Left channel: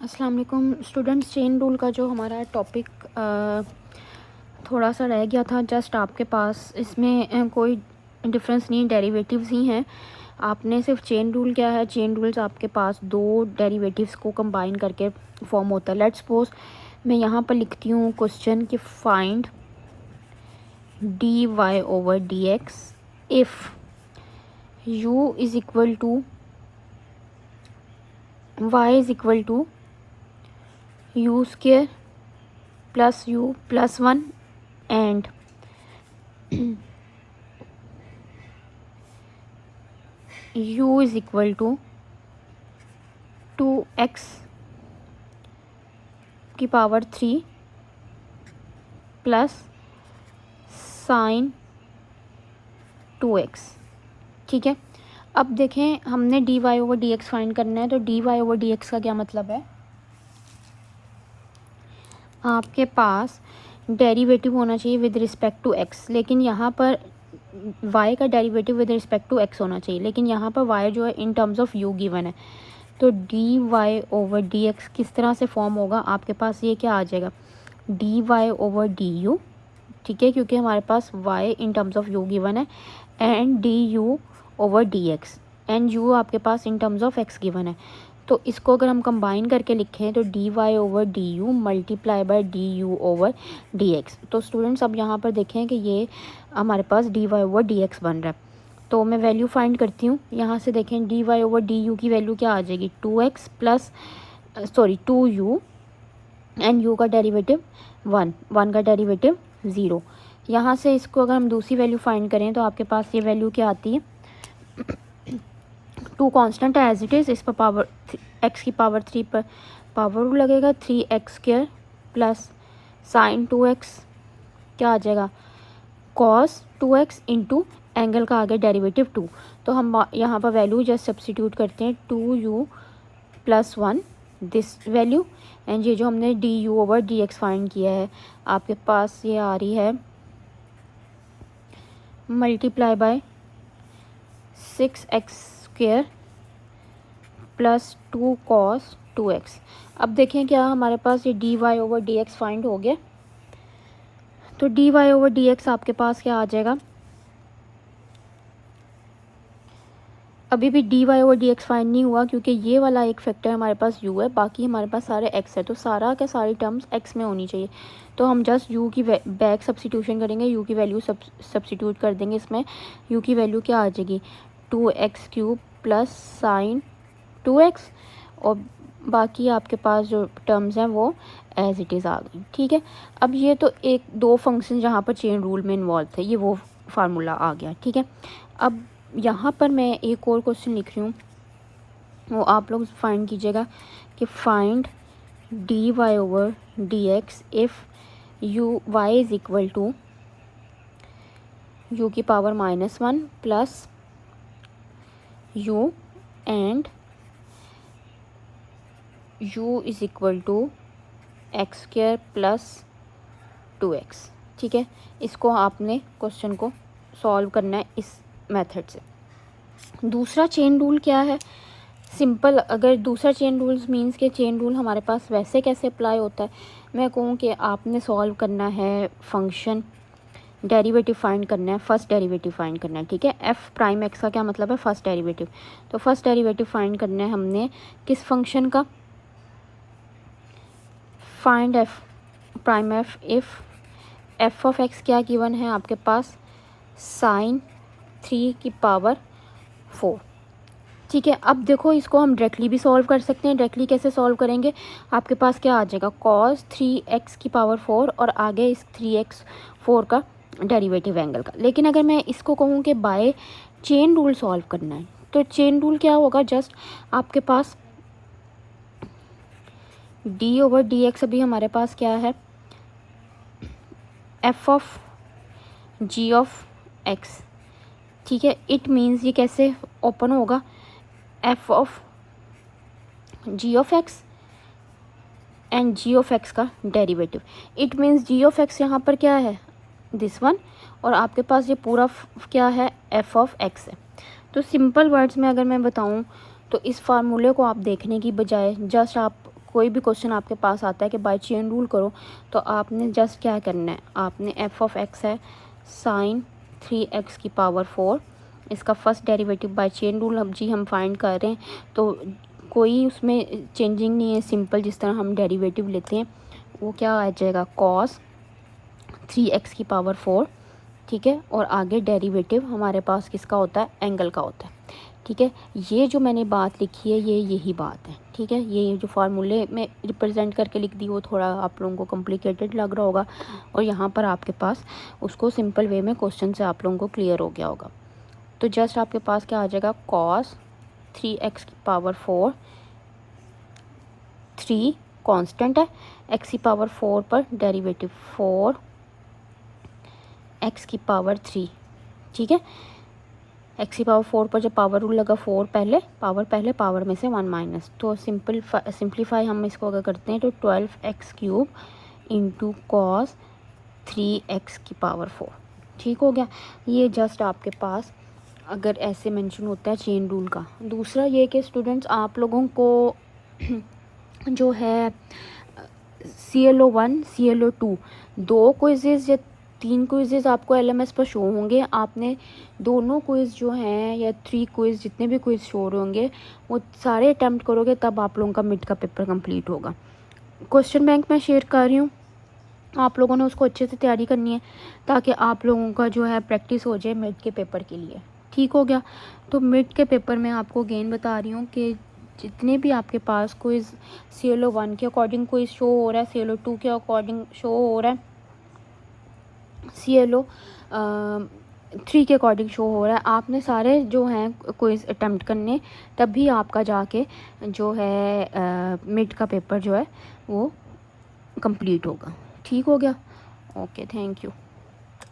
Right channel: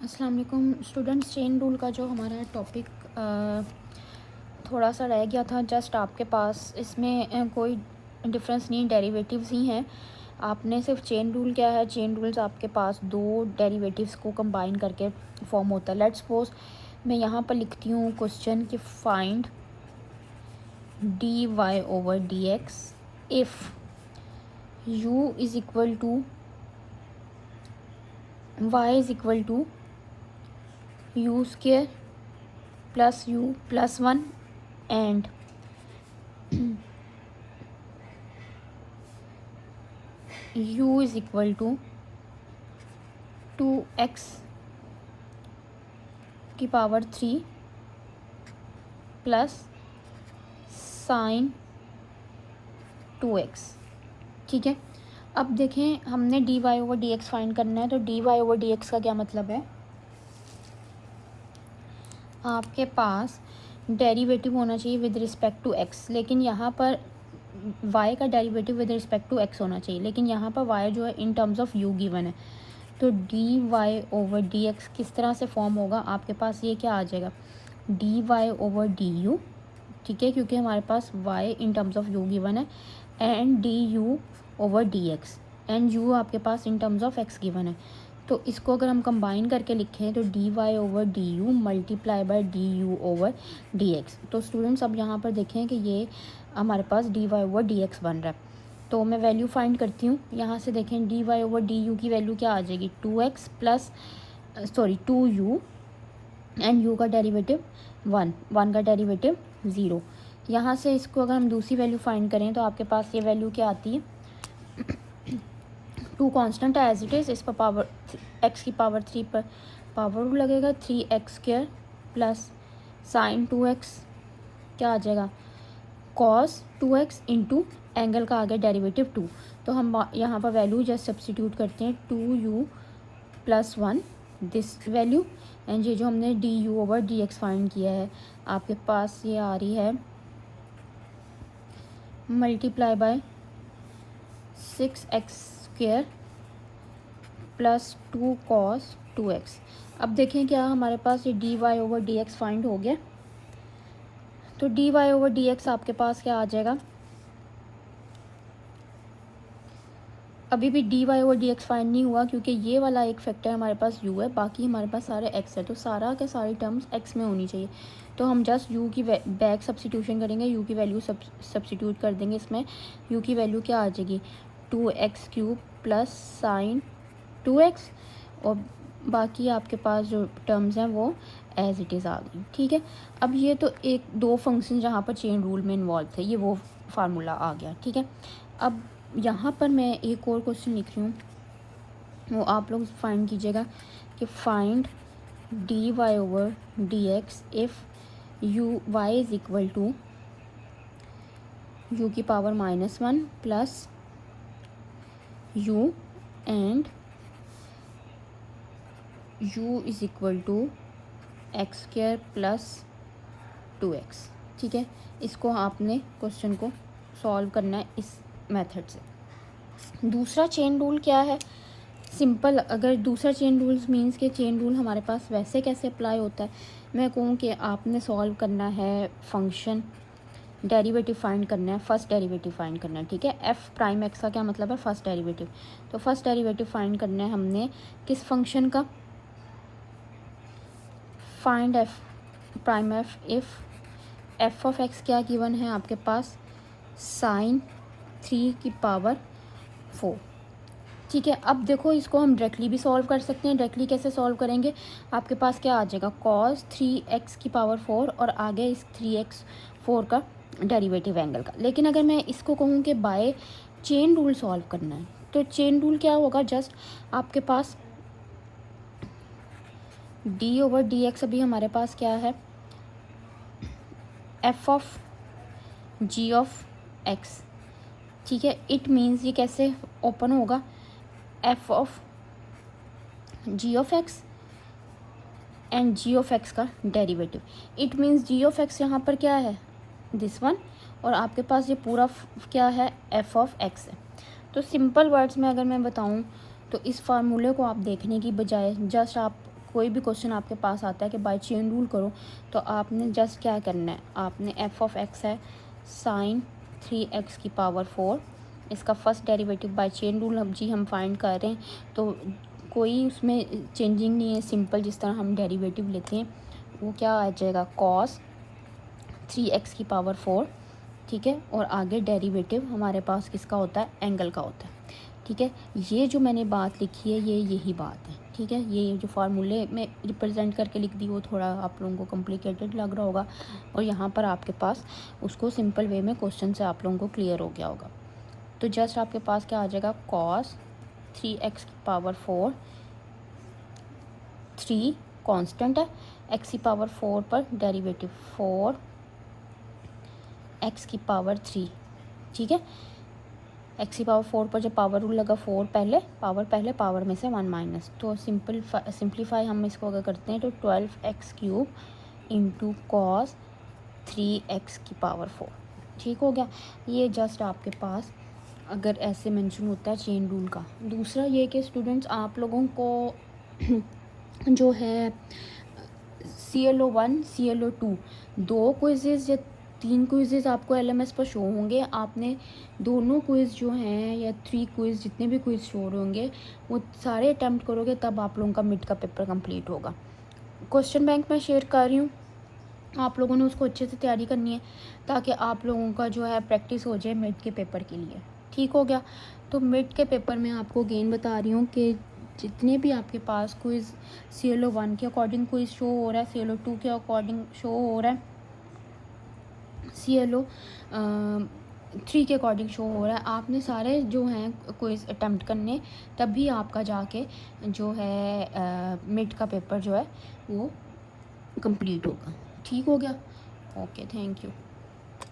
अस्सलाम वालेकुम students. Chain rule का जो हमारा टॉपिक थोड़ा सा रह गया था, जस्ट आपके पास इसमें कोई डिफरेंस नहीं, डेरिवेटिव्स ही हैं। आपने सिर्फ चेन रूल क्या है, चेन रूल्स आपके पास दो डेरिवेटिव्स को कंबाइन करके फॉर्म होता है। लेट्स सपोज मैं यहाँ पर लिखती हूँ क्वेश्चन कि find d y over d x if u is equal to y is equal to u square plus u plus one and u is equal to 2x की power 3 plus sign 2x। ठीक है, अब देखें हमने d y over d x find करना है, तो d y over d x का क्या मतलब है, आपके पास डेरिवेटिव होना चाहिए विद रिस्पेक्ट टू x, लेकिन यहाँ पर y का derivative with respect to x होना चाहिए, लेकिन यहाँ पर y जो है in terms of u given है। तो d y over d x किस तरह से फॉर्म होगा, आपके पास ये क्या आ जाएगा, d y over d u. ठीक है, क्योंकि हमारे पास y in terms of u given है, and d u over d x, and u आपके पास in terms of x given है। तो इसको अगर हम कंबाइन करके लिखें तो d y over d u multiply by d u over d x. तो स्टूडेंट्स अब यहाँ पर देखें कि ये हमारे पास d y over d x बन रहा है। तो मैं वैल्यू फाइंड करती हूँ, यहाँ से देखें d y over d u की वैल्यू क्या आ जाएगी, 2x plus 2u, and u का डेरिवेटिव 1 का डेरिवेटिव 0। यहाँ से इसको अगर हम दूसरी वैल्यू फाइंड करें तो आपके पास ये वैल्यू क्या आती है, 2 कांस्टेंट है एज इट इज़, इस पर पावर x की पावर 3 पर पावर लगेगा 3x square plus sign 2x क्या आ जाएगा, कॉस 2x इंटू एंगल का आगे डेरिवेटिव 2। तो हम यहाँ पर वैल्यू जस्ट सब्स्टिट्यूट करते हैं, 2u plus 1 this value, and ये जो हमने d u over d x find किया है आपके पास ये आ रही है multiply by 6x square plus 2 cos 2x। अब देखें क्या हमारे पास ये d y over d x find हो गया, तो d y over d x आपके पास क्या आ जाएगा, अभी भी d y over d x find नहीं हुआ क्योंकि ये वाला एक फैक्टर हमारे पास u है, बाकी हमारे पास सारे x है, तो सारा के सारी टर्म्स x में होनी चाहिए। तो हम जस्ट u की बैक सब्स्टिट्यूशन करेंगे, u की वैल्यू सब्स्टिट्यूट कर देंगे इसमें, u की वैल्यू क्या आ जाएगी, 2x cube plus sign 2x, और बाकी आपके पास जो टर्म्स हैं वो एज इट इज़ आ गई। ठीक है, अब ये तो एक दो फंक्शन जहाँ पर चेन रूल में इन्वॉल्व थे, ये वो फार्मूला आ गया। ठीक है, अब यहाँ पर मैं एक और क्वेश्चन लिख रही हूँ, वो आप लोग फाइंड कीजिएगा कि find d y over d x if u y is equal to u की power -1 plus u and u is equal to x square plus 2x। ठीक है, इसको आपने क्वेश्चन को सॉल्व करना है इस मेथड से। दूसरा चेन रूल क्या है, सिंपल, अगर दूसरा चेन रूल्स मींस के चेन रूल हमारे पास वैसे कैसे अप्लाई होता है, मैं कहूँ कि आपने सॉल्व करना है फंक्शन, डेरिवेटिव फाइंड करना है, फर्स्ट डेरिवेटिव फाइंड करना है। ठीक है, एफ प्राइम एक्स का क्या मतलब है, फर्स्ट डेरिवेटिव। तो फर्स्ट डेरिवेटिव फाइंड करना है हमने किस फंक्शन का, find F prime F if F of x क्या गिवन है आपके पास, साइन 3 की पावर 4। ठीक है, अब देखो इसको हम डायरेक्टली भी सॉल्व कर सकते हैं। डायरेक्टली कैसे सॉल्व करेंगे, आपके पास क्या आ जाएगा, कॉस 3x की पावर 4 और आगे इस 3x4 का डेरिवेटिव एंगल का। लेकिन अगर मैं इसको कहूँ कि बाय चेन रूल सॉल्व करना है, तो चेन रूल क्या होगा, जस्ट आपके पास डी ओवर डी एक्स अभी हमारे पास क्या है, f of g of x. ठीक है, इट मीन्स ये कैसे ओपन होगा, f of g of x and g of x का derivative. It means g of x यहाँ पर क्या है, दिस वन, और आपके पास ये पूरा क्या है, एफ ऑफ एक्स है। तो सिंपल वर्ड्स में अगर मैं बताऊँ तो इस फार्मूले को आप देखने की बजाय जस्ट आप कोई भी क्वेश्चन आपके पास आता है कि बाय चेन रूल करो, तो आपने जस्ट क्या करना है, आपने एफ ऑफ एक्स है साइन 3x की पावर 4, इसका first derivative by chain rule हम फाइंड कर रहे हैं, तो कोई उसमें चेंजिंग नहीं है, सिंपल जिस तरह हम डेरिवेटिव लेते हैं वो क्या आ जाएगा कॉस 3x की पावर 4, ठीक है। और आगे डेरिवेटिव हमारे पास किसका होता है, एंगल का होता है, ठीक है। ये जो मैंने बात लिखी है ये यही बात है, ठीक है। ये जो फार्मूले में रिप्रेजेंट करके लिख दी वो थोड़ा आप लोगों को कॉम्प्लिकेटेड लग रहा होगा, और यहाँ पर आपके पास उसको सिंपल वे में क्वेश्चन से आप लोगों को क्लियर हो गया होगा। तो जस्ट आपके पास क्या आ जाएगा, कॉस 3x की पावर 4, 3 कांस्टेंट है, x की पावर 4 पर डेरिवेटिव 4 x की पावर 3, ठीक है। x की पावर 4 पर जब पावर रूल लगा 4 पहले पावर में से 1 माइनस, तो सिंप्लीफाई हम इसको अगर करते हैं तो 12x cube into cos 3x की पावर 4, ठीक हो गया। ये जस्ट आपके पास अगर ऐसे मेंशन होता है चेन रूल का। दूसरा ये कि स्टूडेंट्स आप लोगों को जो है CLO1 CLO2 2 क्विज़ेस या 3 क्विज़ेस आपको LMS पर शो होंगे। आपने दोनों क्विज़ जो हैं या 3 क्विज़ जितने भी क्विज़ शो होंगे वो सारे अटैम्प्ट करोगे, तब आप लोगों का मिड का पेपर कंप्लीट होगा। क्वेश्चन बैंक मैं शेयर कर रही हूँ, आप लोगों ने उसको अच्छे से तैयारी करनी है ताकि आप लोगों का जो है प्रैक्टिस हो जाए मिड के पेपर के लिए, ठीक हो गया। तो मिड के पेपर में आपको अगेन बता रही हूँ कि जितने भी आपके पास क्विज़ CLO1 के अकॉर्डिंग क्विज़ शो हो रहा है, CLO2 के अकॉर्डिंग शो हो रहा है, CLO3 के अकॉर्डिंग शो हो रहा है, आपने सारे जो हैं क्विज़ अटैम्प्ट करने, तभी आपका जाके जो है मिड का पेपर जो है वो कंप्लीट होगा, ठीक हो गया। Okay, thank you.